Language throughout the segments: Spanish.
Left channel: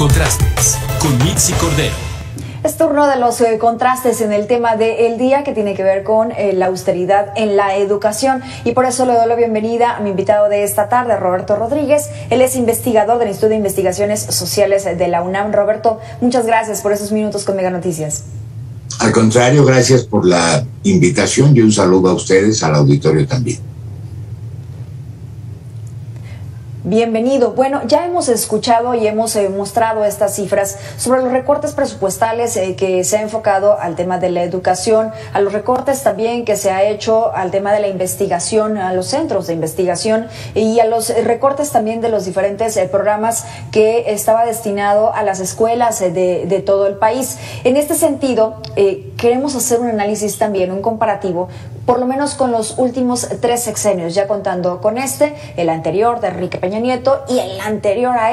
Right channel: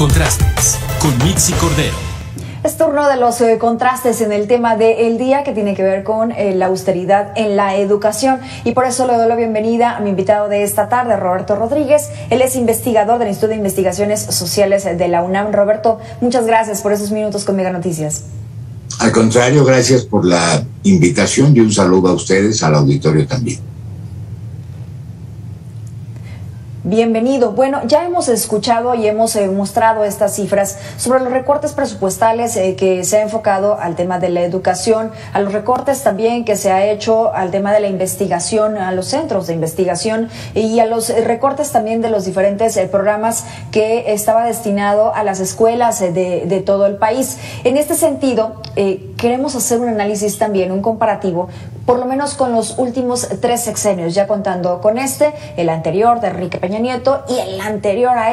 Contrastes con Mitzi Cordero. Es turno de los contrastes en el tema del día que tiene que ver con la austeridad en la educación, y por eso le doy la bienvenida a mi invitado de esta tarde, Roberto Rodríguez. Él es investigador del Instituto de Investigaciones Sociales de la UNAM. Roberto, muchas gracias por esos minutos con Mega Noticias. Al contrario, gracias por la invitación y un saludo a ustedes, al auditorio también. Bienvenido. Bueno, ya hemos escuchado y hemos mostrado estas cifras sobre los recortes presupuestales que se ha enfocado al tema de la educación, a los recortes también que se ha hecho al tema de la investigación, a los centros de investigación y a los recortes también de los diferentes programas que estaba destinado a las escuelas de todo el país. En este sentido, queremos hacer un análisis también, un comparativo, por lo menos con los últimos 3 sexenios, ya contando con el anterior de Enrique Peña Nieto y el anterior a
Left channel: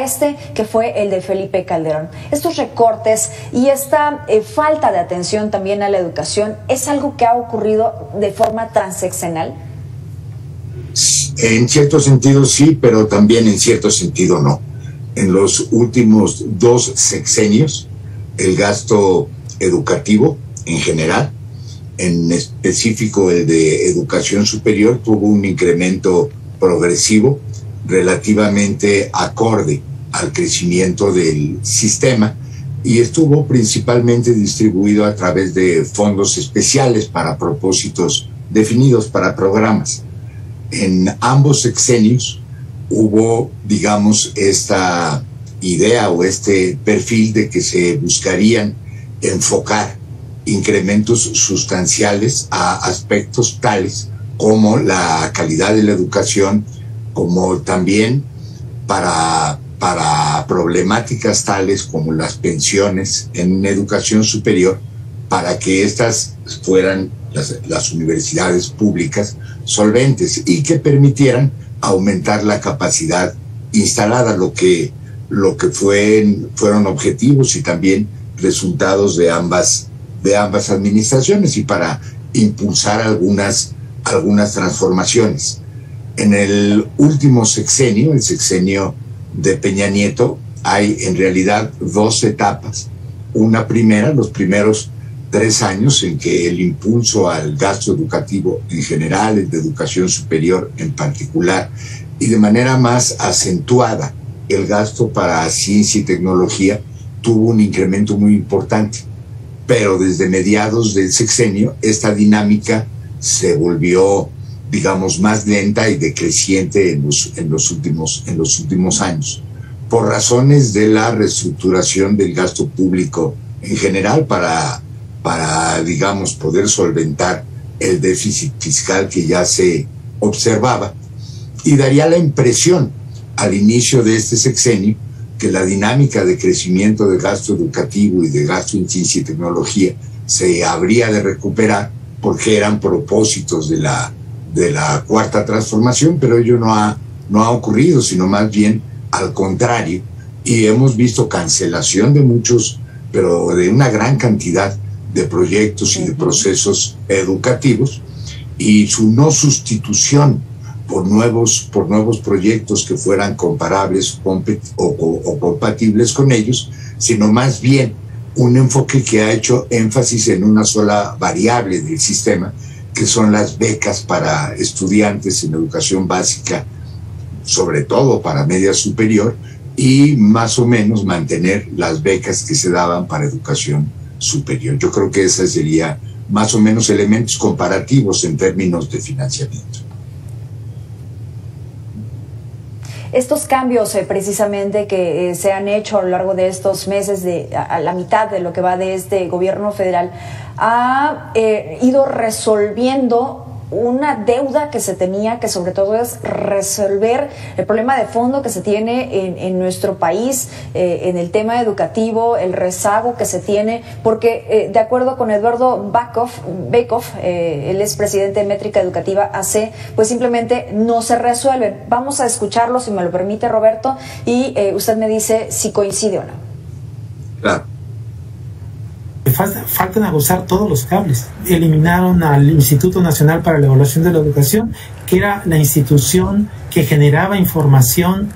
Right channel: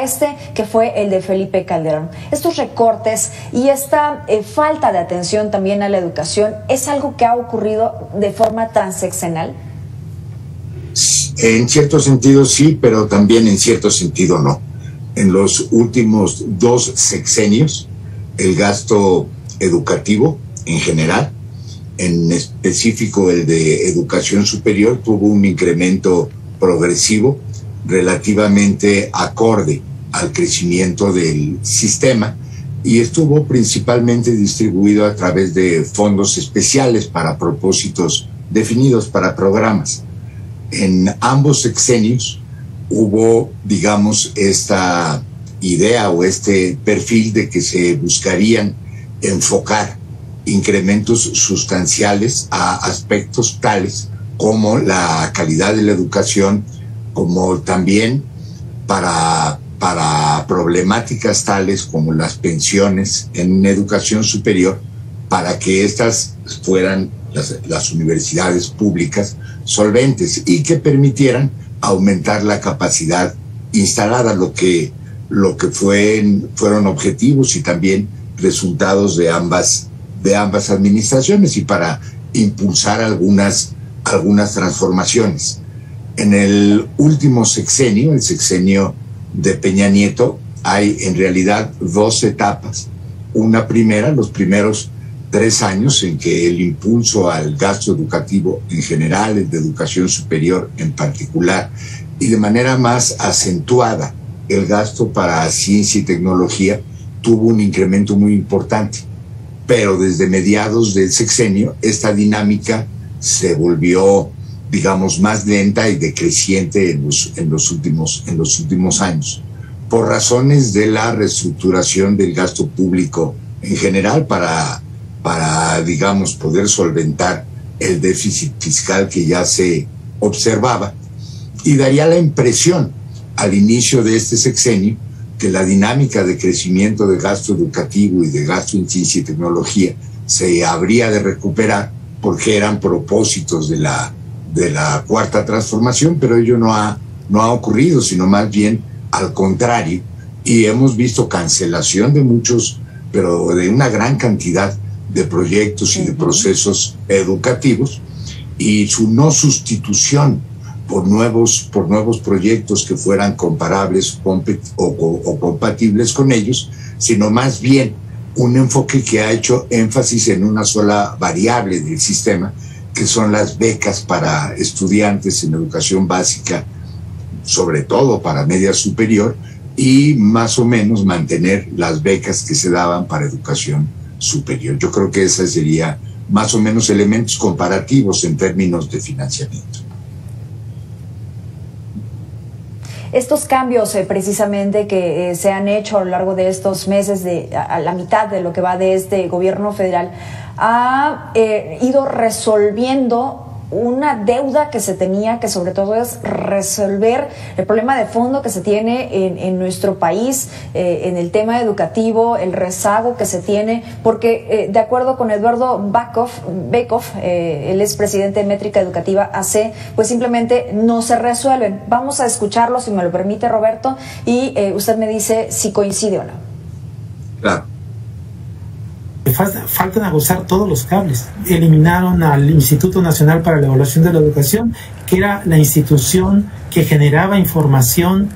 que fue el de Felipe Calderón. Estos recortes y esta falta de atención también a la educación, ¿es algo que ha ocurrido de forma transeccional? En cierto sentido sí, pero también en cierto sentido no. En los últimos 2 sexenios, el gasto educativo en general, en específico el de educación superior, tuvo un incremento progresivo relativamente acorde al crecimiento del sistema y estuvo principalmente distribuido a través de fondos especiales para propósitos definidos para programas. En ambos sexenios hubo, digamos, esta idea o este perfil de que se buscarían enfocar incrementos sustanciales a aspectos tales como la calidad de la educación, como también para problemáticas tales como las pensiones en educación superior, para que estas fueran las universidades públicas solventes y que permitieran aumentar la capacidad instalada, lo que fueron objetivos y también resultados de ambas administraciones, y para impulsar algunas transformaciones. En el último sexenio, el sexenio de Peña Nieto, hay en realidad 2 etapas. Una primera, los primeros 3 años en que el impulso al gasto educativo en general, el de educación superior en particular, y de manera más acentuada el gasto para ciencia y tecnología, tuvo un incremento muy importante. Pero desde mediados del sexenio esta dinámica se volvió, digamos, más lenta y decreciente en los últimos años, por razones de la reestructuración del gasto público en general para digamos, poder solventar el déficit fiscal que ya se observaba. Y daría la impresión al inicio de este sexenio que la dinámica de crecimiento de gasto educativo y de gasto en ciencia y tecnología se habría de recuperar porque eran propósitos de la cuarta transformación, pero ello no ha ocurrido, sino más bien al contrario, y hemos visto cancelación de muchos, pero de una gran cantidad de proyectos y de procesos educativos, y su no sustitución por nuevos proyectos que fueran comparables o compatibles con ellos, sino más bien un enfoque que ha hecho énfasis en una sola variable del sistema, que son las becas para estudiantes en educación básica, sobre todo para media superior, y más o menos mantener las becas que se daban para educación superior. Yo creo que ese sería más o menos elementos comparativos en términos de financiamiento. Estos cambios precisamente que se han hecho a lo largo de estos meses, a la mitad de lo que va de este gobierno federal, ha ido resolviendo una deuda que se tenía, que sobre todo es resolver el problema de fondo que se tiene en nuestro país, en el tema educativo, el rezago que se tiene, porque de acuerdo con Eduardo Bekoff, él es presidente de Métrica Educativa AC, pues simplemente no se resuelven. Vamos a escucharlo, si me lo permite, Roberto, y usted me dice si coincide o no. Claro. Faltan aguzar todos los cables. Eliminaron al Instituto Nacional para la Evaluación de la Educación, que era la institución que generaba información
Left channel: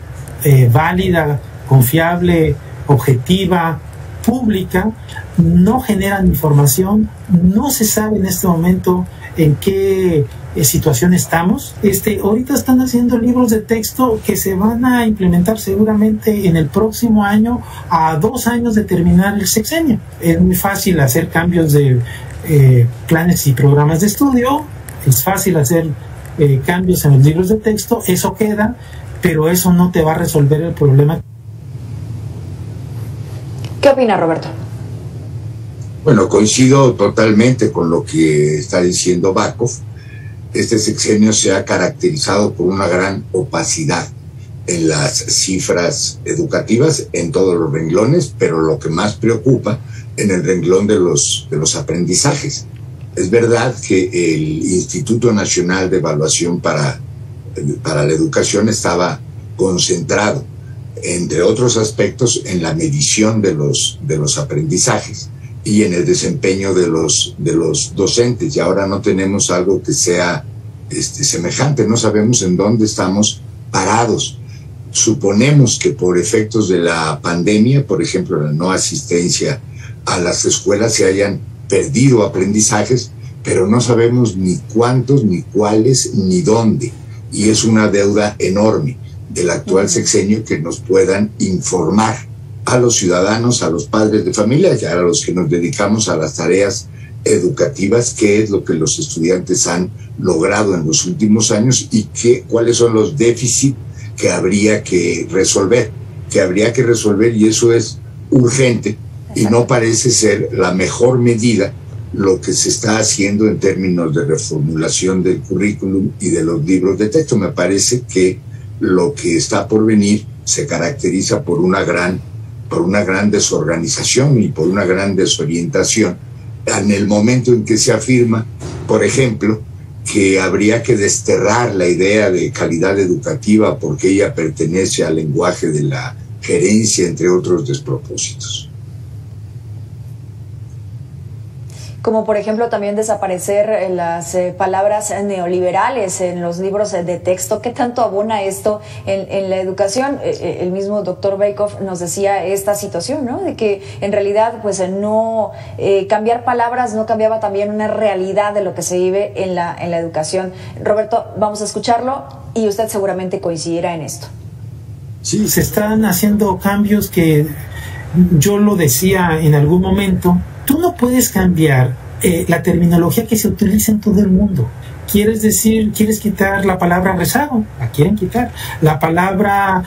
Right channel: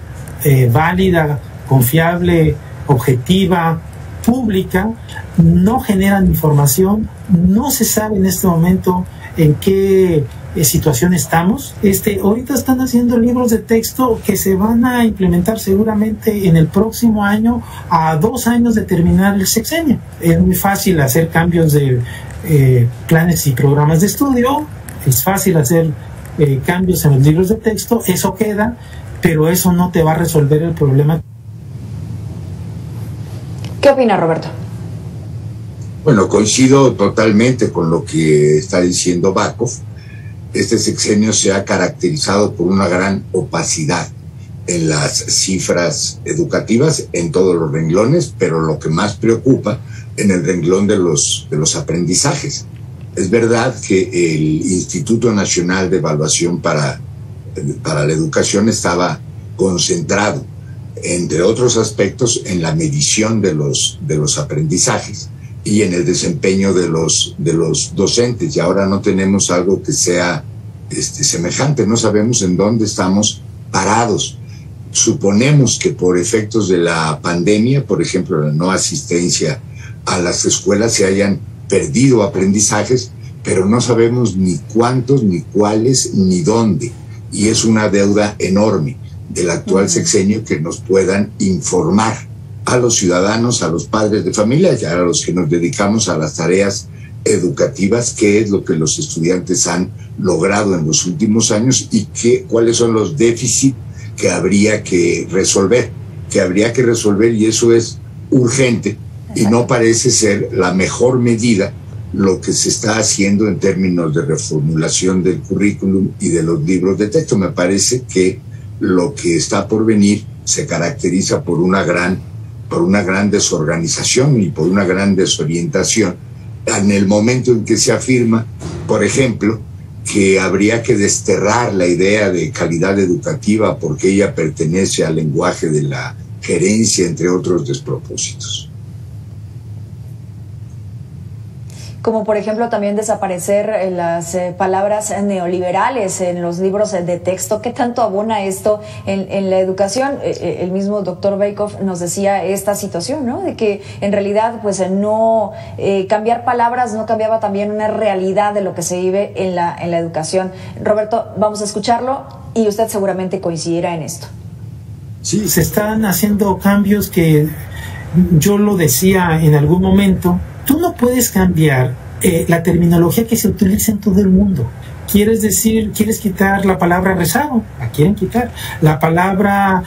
válida, confiable, objetiva, pública, no generan información, no se sabe en este momento en qué situación estamos. Ahorita están haciendo libros de texto que se van a implementar seguramente en el próximo año, a 2 años de terminar el sexenio. Es muy fácil hacer cambios de planes y programas de estudio, es fácil hacer cambios en los libros de texto, eso queda, pero eso no te va a resolver el problema. ¿Qué opina Roberto? Bueno, coincido totalmente con lo que está diciendo Bakov. Este sexenio se ha caracterizado por una gran opacidad en las cifras educativas, en todos los renglones, pero lo que más preocupa en el renglón de los aprendizajes. Es verdad que el Instituto Nacional de Evaluación para la Educación estaba concentrado, entre otros aspectos, en la medición de los aprendizajes y en el desempeño de los docentes, y ahora no tenemos algo que sea semejante, no sabemos en dónde estamos parados. Suponemos que por efectos de la pandemia, por ejemplo, la no asistencia a las escuelas, se hayan perdido aprendizajes, pero no sabemos ni cuántos, ni cuáles, ni dónde, y es una deuda enorme del actual sexenio que nos puedan informar a los ciudadanos, a los padres de familia y a los que nos dedicamos a las tareas educativas, qué es lo que los estudiantes han logrado en los últimos años y cuáles son los déficits que habría que resolver, y eso es urgente y no parece ser la mejor medida lo que se está haciendo en términos de reformulación del currículum y de los libros de texto. Me parece que lo que está por venir se caracteriza por una gran desorganización y por una gran desorientación en el momento en que se afirma, por ejemplo, que habría que desterrar la idea de calidad educativa porque ella pertenece al lenguaje de la gerencia, entre otros despropósitos. Como por ejemplo también desaparecer las palabras neoliberales en los libros de texto. ¿Qué tanto abona esto en la educación? El mismo doctor Bakov nos decía esta situación, ¿no? De que en realidad pues no cambiar palabras no cambiaba también una realidad de lo que se vive en la educación. Roberto, vamos a escucharlo y usted seguramente coincidirá en esto. Sí, se están haciendo cambios que yo lo decía en algún momento. Tú no puedes cambiar la terminología que se utiliza en todo el mundo. Quieres quitar la palabra rezago, la quieren quitar. La palabra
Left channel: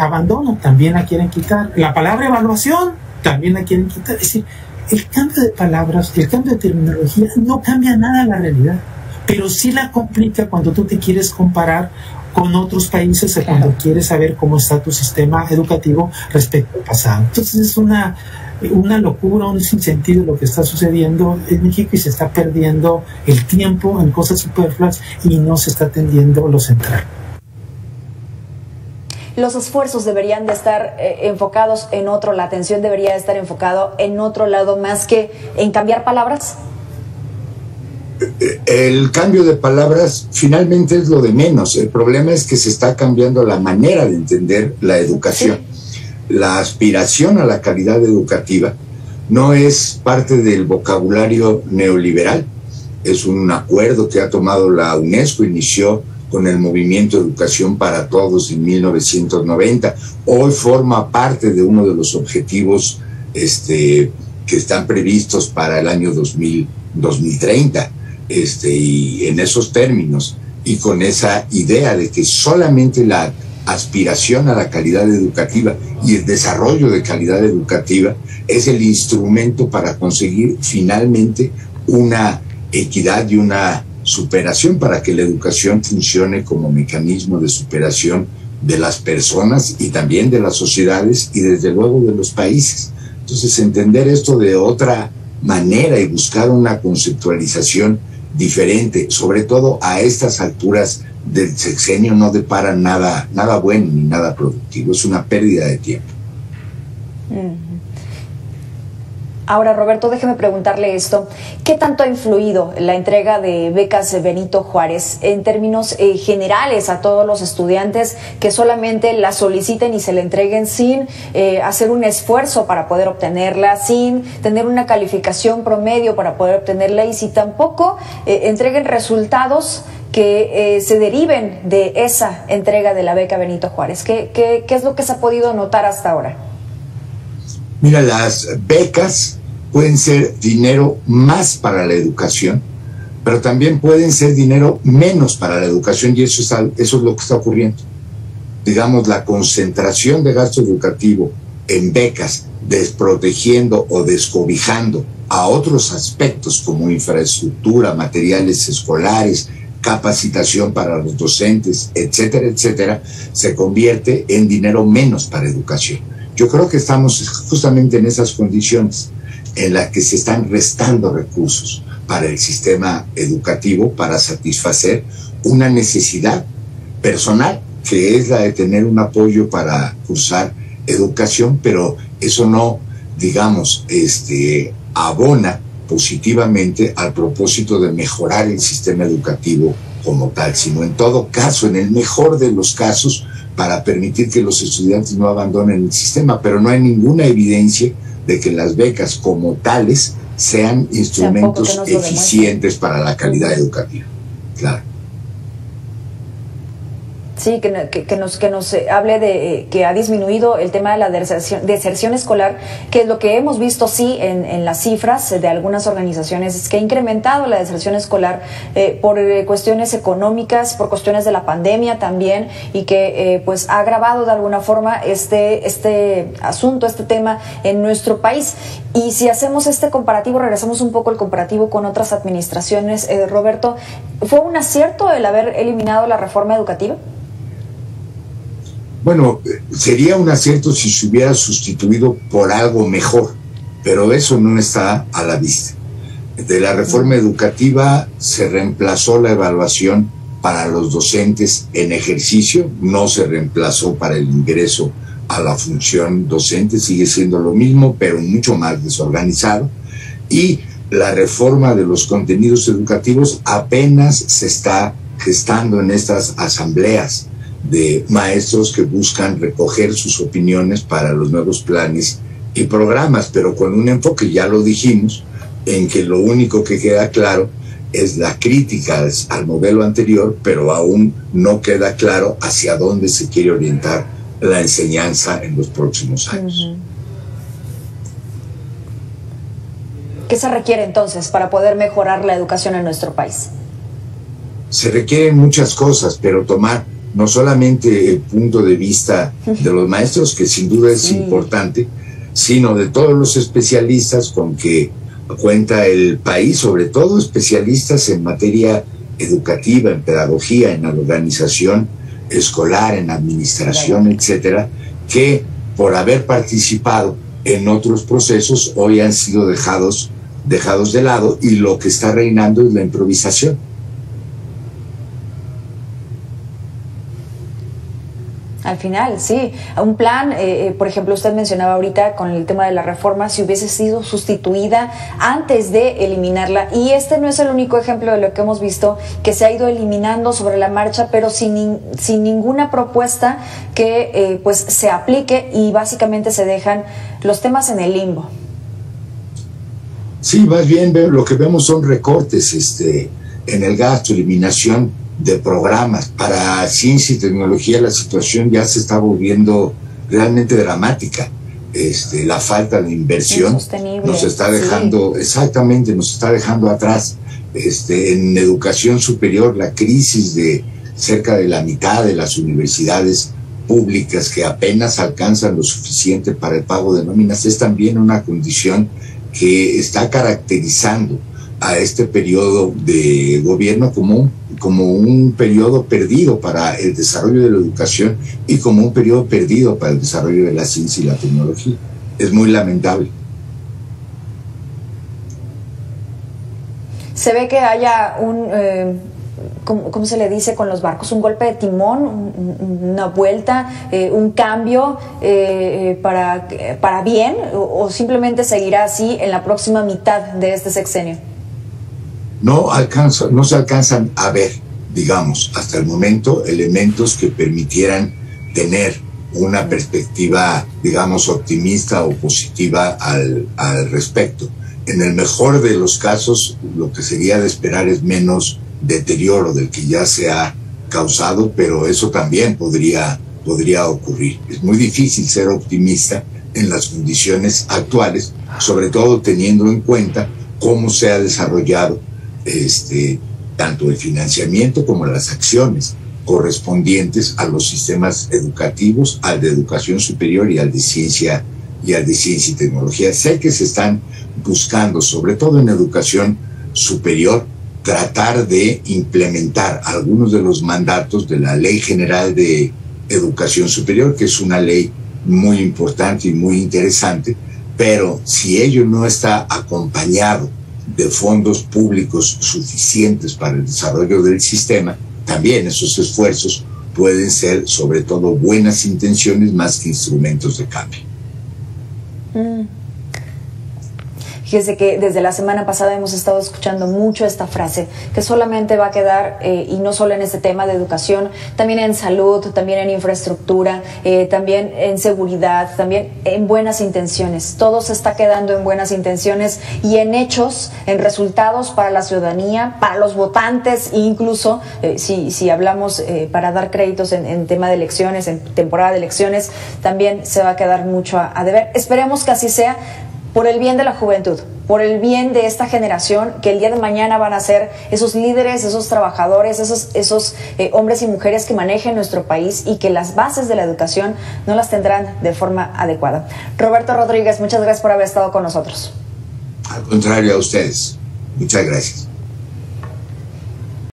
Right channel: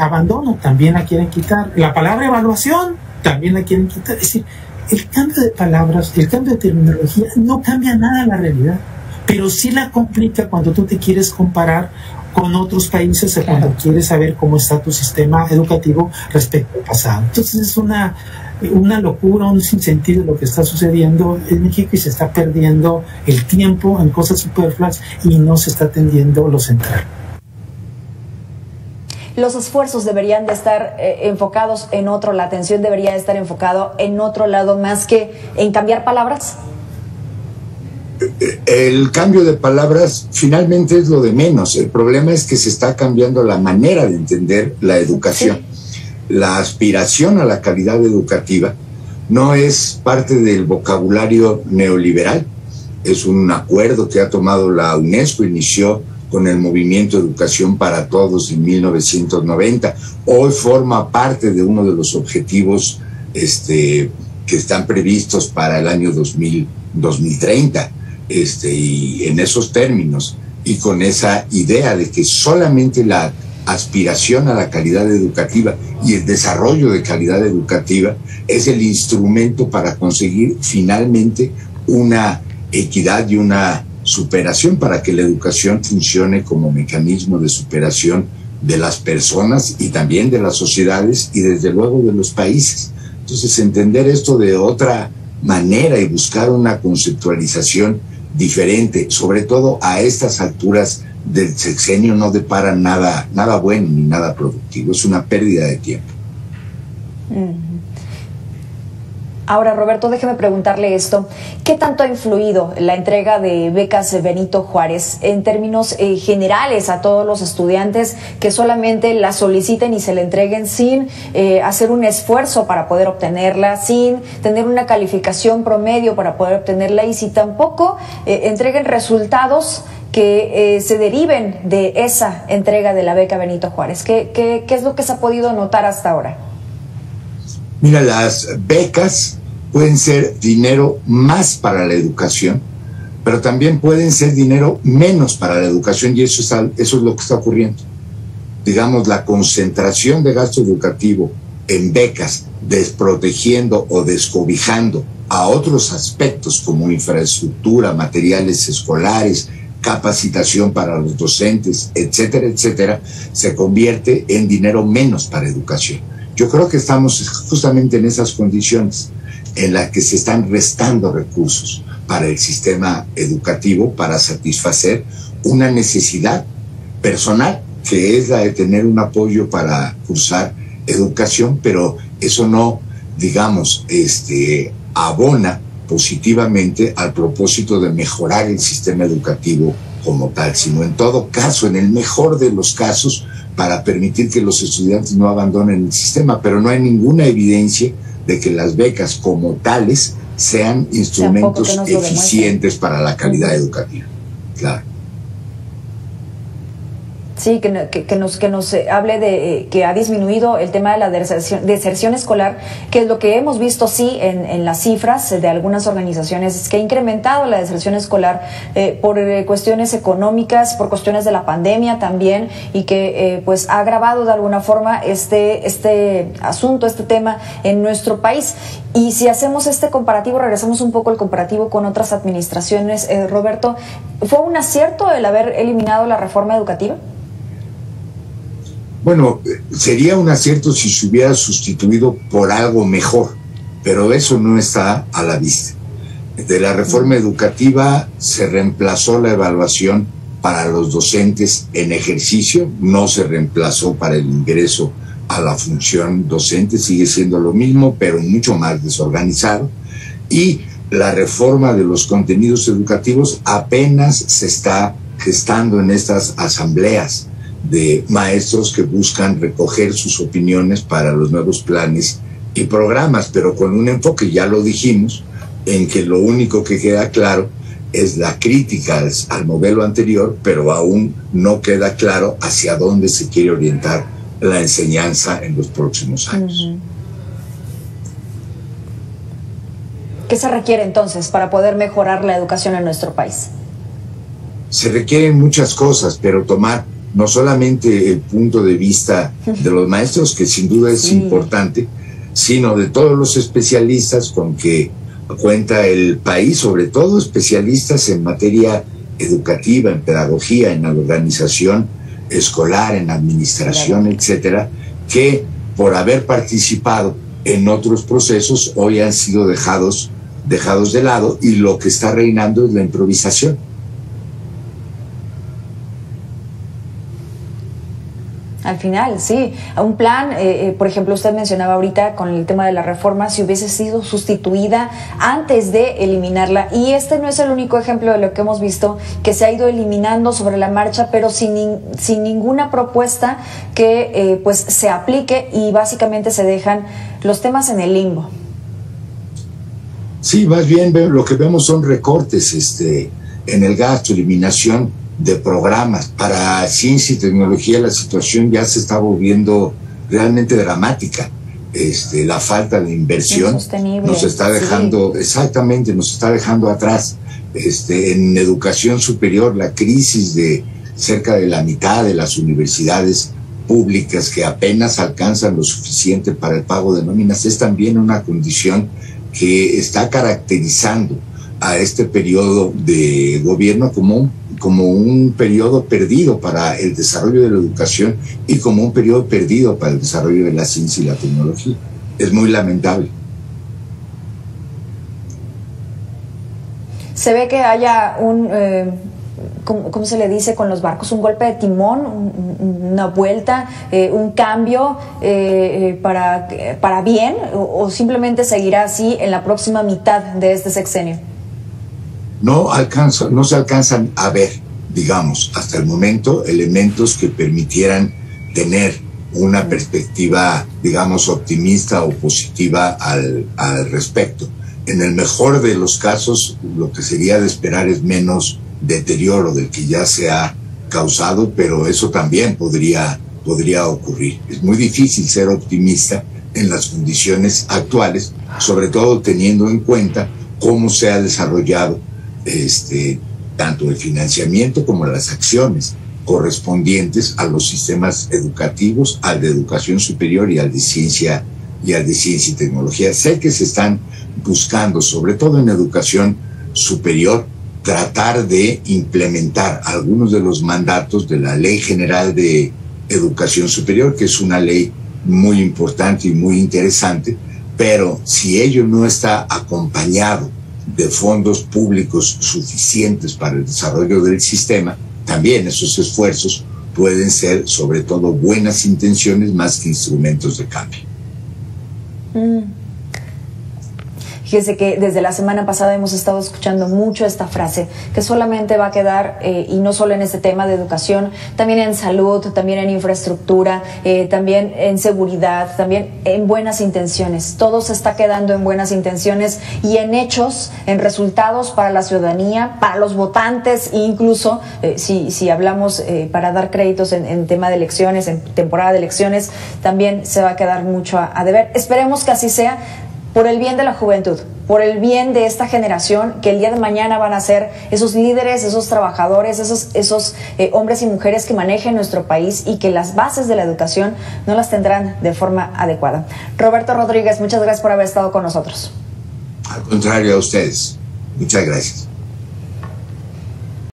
abandono, también la quieren quitar. La palabra evaluación, también la quieren quitar. Es decir, el cambio de palabras, el cambio de terminología no cambia nada la realidad, pero sí la complica cuando tú te quieres comparar con otros países o cuando quieres saber cómo está tu sistema educativo respecto al pasado. Entonces es una locura, un sinsentido lo que está sucediendo en México y se está perdiendo el tiempo en cosas superfluas y no se está atendiendo lo central. Los esfuerzos deberían de estar enfocados en otro, la atención debería estar enfocado en otro lado más que en cambiar palabras. El cambio de palabras finalmente es lo de menos. El problema es que se está cambiando la manera de entender la educación. Sí. La aspiración a la calidad educativa no es parte del vocabulario neoliberal. Es un acuerdo que ha tomado la UNESCO, inició con el movimiento Educación para Todos en 1990. Hoy forma parte de uno de los objetivos que están previstos para el año 2030. Y en esos términos y con esa idea de que solamente la aspiración a la calidad educativa y el desarrollo de calidad educativa es el instrumento para conseguir finalmente una equidad y una superación, para que la educación funcione como mecanismo de superación de las personas y también de las sociedades y desde luego de los países. Entonces, entender esto de otra manera y buscar una conceptualización diferente, sobre todo a estas alturas del sexenio, no depara nada bueno ni nada productivo. Es una pérdida de tiempo. Ahora, Roberto, déjeme preguntarle esto. ¿Qué tanto ha influido la entrega de becas Benito Juárez en términos generales a todos los estudiantes que solamente la soliciten y se le entreguen sin hacer un esfuerzo para poder obtenerla, sin tener una calificación promedio para poder obtenerla y si tampoco entreguen resultados que se deriven de esa entrega de la beca Benito Juárez? ¿Qué es lo que se ha podido notar hasta ahora? Mira, las becas pueden ser dinero más para la educación, pero también pueden ser dinero menos para la educación, y eso es lo que está ocurriendo. Digamos, la concentración de gasto educativo en becas, desprotegiendo o descobijando a otros aspectos como infraestructura, materiales escolares, capacitación para los docentes, etcétera, etcétera, se convierte en dinero menos para educación. Yo creo que estamos justamente en esas condiciones en las que se están restando recursos para el sistema educativo para satisfacer una necesidad personal, que es la de tener un apoyo para cursar educación, pero eso no, digamos, abona positivamente al propósito de mejorar el sistema educativo como tal, sino en todo caso, en el mejor de los casos, para permitir que los estudiantes no abandonen el sistema, pero no hay ninguna evidencia de que las becas como tales sean instrumentos eficientes para la calidad educativa. Claro. Sí, que nos hable de que ha disminuido el tema de la deserción escolar, que es lo que hemos visto, sí, en las cifras de algunas organizaciones, es que ha incrementado la deserción escolar por cuestiones económicas, por cuestiones de la pandemia también, y que pues ha agravado de alguna forma este asunto, este tema en nuestro país. Y si hacemos este comparativo, regresamos un poco al comparativo con otras administraciones, Roberto, ¿fue un acierto el haber eliminado la reforma educativa? Bueno, sería un acierto si se hubiera sustituido por algo mejor, pero eso no está a la vista. De la reforma educativa se reemplazó la evaluación para los docentes en ejercicio, no se reemplazó para el ingreso a la función docente, sigue siendo lo mismo, pero mucho más desorganizado. Y la reforma de los contenidos educativos apenas se está gestando en estas asambleas de maestros que buscan recoger sus opiniones para los nuevos planes y programas, pero con un enfoque, ya lo dijimos, en que lo único que queda claro es la crítica al modelo anterior, pero aún no queda claro hacia dónde se quiere orientar la enseñanza en los próximos años. ¿Qué se requiere entonces para poder mejorar la educación en nuestro país? Se requieren muchas cosas, pero tomar no solamente el punto de vista de los maestros, que sin duda es importante, sino de todos los especialistas con que cuenta el país, sobre todo especialistas en materia educativa, en pedagogía, en la organización escolar, en administración, etcétera, que por haber participado en otros procesos hoy han sido dejados de lado, y lo que está reinando es la improvisación. Al final, sí. Un plan, por ejemplo, usted mencionaba ahorita con el tema de la reforma, si hubiese sido sustituida antes de eliminarla. Y este no es el único ejemplo de lo que hemos visto, que se ha ido eliminando sobre la marcha, pero sin ninguna propuesta que pues se aplique, y básicamente se dejan los temas en el limbo. Sí, más bien lo que vemos son recortes en el gasto, eliminación de programas. Para ciencia y tecnología la situación ya se está volviendo realmente dramática. La falta de inversión nos está dejando, exactamente, nos está dejando atrás. En educación superior, la crisis de cerca de la mitad de las universidades públicas que apenas alcanzan lo suficiente para el pago de nóminas es también una condición que está caracterizando a este periodo de gobierno como un periodo perdido para el desarrollo de la educación y como un periodo perdido para el desarrollo de la ciencia y la tecnología. Es muy lamentable. Se ve que haya ¿cómo se le dice con los barcos? ¿Un golpe de timón? ¿Una vuelta? ¿Un cambio para bien? ¿O simplemente seguirá así en la próxima mitad de este sexenio? No se alcanzan a ver, digamos, hasta el momento, elementos que permitieran tener una perspectiva, digamos, optimista o positiva al respecto. En el mejor de los casos, lo que sería de esperar es menos deterioro del que ya se ha causado, pero eso también podría ocurrir. Es muy difícil ser optimista en las condiciones actuales, sobre todo teniendo en cuenta cómo se ha desarrollado tanto el financiamiento como las acciones correspondientes a los sistemas educativos, al de educación superior y al de ciencia y tecnología. Sé que se están buscando, sobre todo en educación superior, tratar de implementar algunos de los mandatos de la Ley General de Educación Superior, que es una ley muy importante y muy interesante, pero si ello no está acompañado de fondos públicos suficientes para el desarrollo del sistema, también esos esfuerzos pueden ser sobre todo buenas intenciones más que instrumentos de cambio. Fíjese que desde la semana pasada hemos estado escuchando mucho esta frase, que solamente va a quedar, y no solo en este tema de educación, también en salud, también en infraestructura, también en seguridad, también en buenas intenciones. Todo se está quedando en buenas intenciones y en hechos, en resultados para la ciudadanía, para los votantes, e incluso si hablamos para dar créditos en tema de elecciones, en temporada de elecciones, también se va a quedar mucho a deber. Esperemos que así sea, por el bien de la juventud, por el bien de esta generación que el día de mañana van a ser esos líderes, esos trabajadores, esos hombres y mujeres que manejen nuestro país y que las bases de la educación no las tendrán de forma adecuada. Roberto Rodríguez, muchas gracias por haber estado con nosotros. Al contrario, a ustedes. Muchas gracias.